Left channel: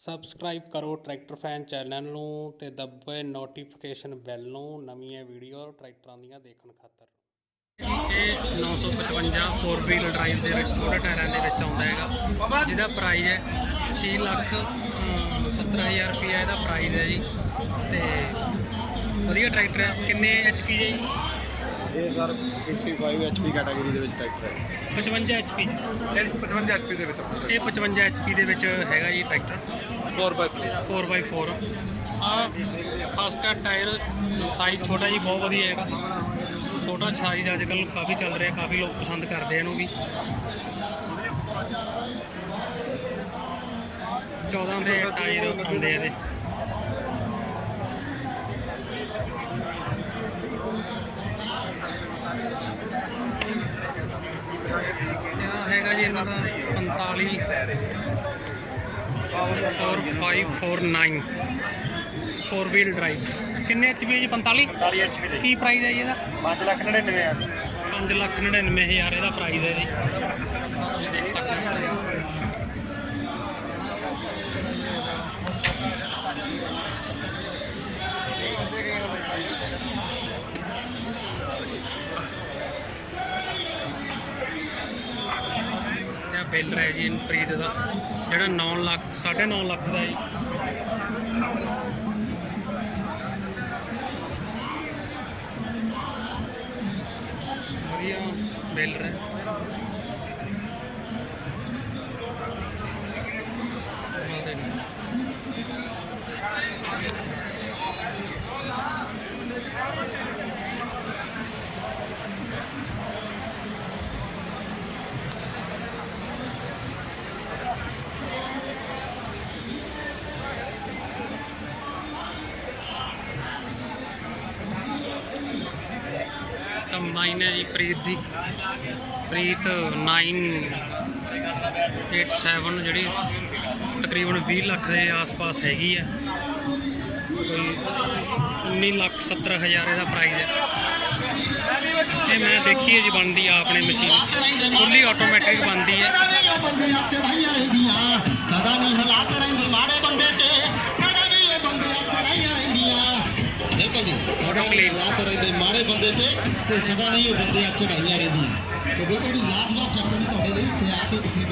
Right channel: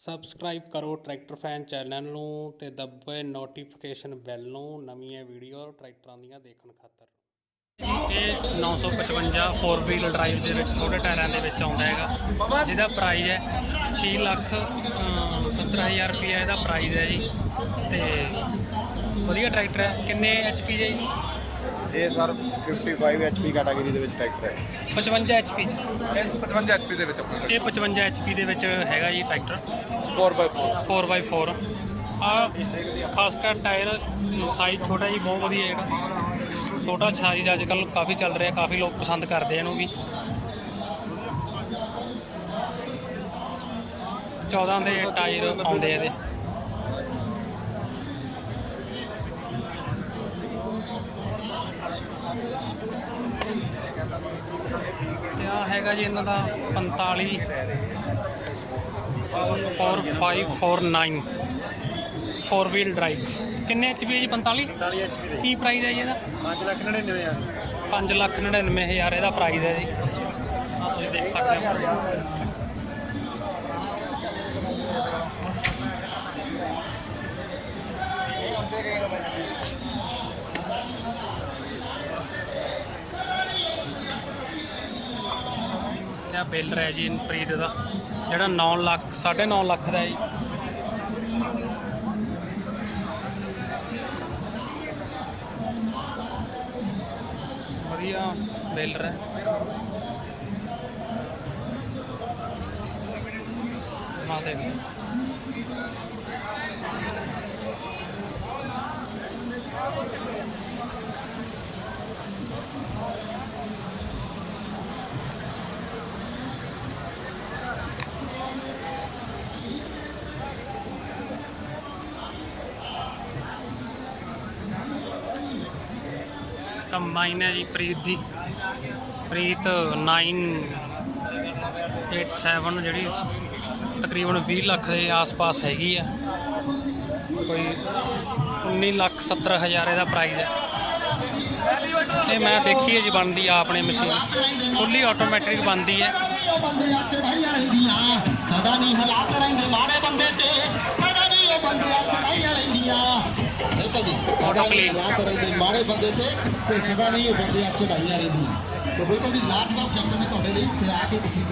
Subscribe ਕਰੋ tractor fan channel ਨੂੰ ਤੇ ਦੱਬੇ ਨੋਟੀਫਿਕੇਸ਼ਨ ਬੈਲ ਨੂੰ ਨਵੀਆਂ ਵੀਡੀਓ ਟਰੈਕਟਰਾਂ ਦੀਆਂ ਦੇਖਣ ਖਾਤਰ। ਇਹ 955 4 ਵੀਲ ਡਰਾਈਵ ਦੇ ਵਿੱਚ ਛੋਟੇ ਟਾਇਰਾਂ ਦੇ ਵਿੱਚ ਆਉਂਦਾ ਹੈਗਾ, ਜਿਹਦਾ ਪ੍ਰਾਈਜ਼ ਹੈ 6,70,000 ਰੁਪਈਆ ਇਹਦਾ ਪ੍ਰਾਈਜ਼ ਹੈ ਜੀ। ਤੇ ਵਧੀਆ ਟਰੈਕਟਰ ਹੈ। ਕਿੰਨੇ HP ਹੈ ਜੀ? ਇਹ ਸਰ 55 HP ਕੈਟਾਗਰੀ ਦੇ ਵਿੱਚ ਟਰੈਕਟਰ ਹੈ। 55 HP ਚ 55 HP ਦੇ ਵਿੱਚ ਇਹ 55 HP ਦੇ ਵਿੱਚ ਹੈਗਾ ਜੀ ਟਰੈਕਟਰ 4x4 ਆ। ਖਾਸ ਕਰ ਟਾਇਰ ਸਾਈਜ਼ ਛੋਟਾ ਜੀ, ਬਹੁਤ ਵਧੀਆ ਜਿਹੜਾ ਛੋਟਾ ਸਾਈਜ਼ ਅੱਜ ਕੱਲ੍ਹ ਕਾਫੀ ਚੱਲ ਰਿਹਾ, ਕਾਫੀ ਲੋਕ ਪਸੰਦ ਕਰਦੇ ਇਹਨੂੰ ਵੀ। 14 ਦੇ ਟਾਇਰ ਆਉਂਦੇ ਇਹਦੇ। ਤੇ ਆ ਹੈਗਾ ਜੀ ਇਹਨਾਂ ਦਾ 45 4 ਵੀਲ ਡਰਾਈਵ। ਕਿੰਨੇ HP ਹੈ ਜੀ? 45 HP ਦੇ। ਕੀ ਪ੍ਰਾਈਜ਼ ਹੈ ਜੀ ਇਹਦਾ? 5,99,000 5,99,000 ਇਹਦਾ ਪ੍ਰਾਈਜ਼ ਹੈ ਜੀ। ਆ ਤੁਸੀਂ ਦੇਖ ਸਕਦੇ ਹੋ ਪ੍ਰਾਈਜ਼। ਇਹ ਬਿੱਲ ਹੈ ਜੀ ਪ੍ਰੀਤ ਦਾ, ਜਿਹੜਾ 9 ਲੱਖ 9.5 ਲੱਖ ਦਾ ਜੀ। ਵਧੀਆ ਬਿੱਲ ਹੈ। ਮਾਤੇ ਕੰਬਾਈਨ ਹੈ ਜੀ ਪ੍ਰੀਤ ਦੀ, ਪ੍ਰੀਤ 987 ਜਿਹੜੀ ਤਕਰੀਬਨ 20 ਲੱਖ ਦੇ ਆਸ-ਪਾਸ ਹੈਗੀ ਆ। ਕੋਈ 19,70,000 ਇਹਦਾ ਪ੍ਰਾਈਜ਼ ਹੈ। ਇਹ ਮੈਂ ਦੇਖੀ ਹੈ ਜੀ ਬਣਦੀ ਆ ਆਪਣੇ ਮਸ਼ੀਨ, ਫੁੱਲੀ ਆਟੋਮੈਟਿਕ ਬਣਦੀ ਹੈ। ਆਟੋ ਕਲੀਨ ਮਾੜੇ ਬੰਦੇ ਤੇ ਸਦਾ ਨਹੀਂ ਉਹ ਬੰਦੇ ਚੜਾਈਆਂ ਰਹਿੰਦੀਆਂ। ਸੋ ਦੇਖੋ ਜੀ ਲਾਜਵਾਬ ਚੱਕਰ ਨੇ ਤੁਹਾਡੇ ਲਈ ਤੇ ਆ ਕੇ ਤੁਸੀਂ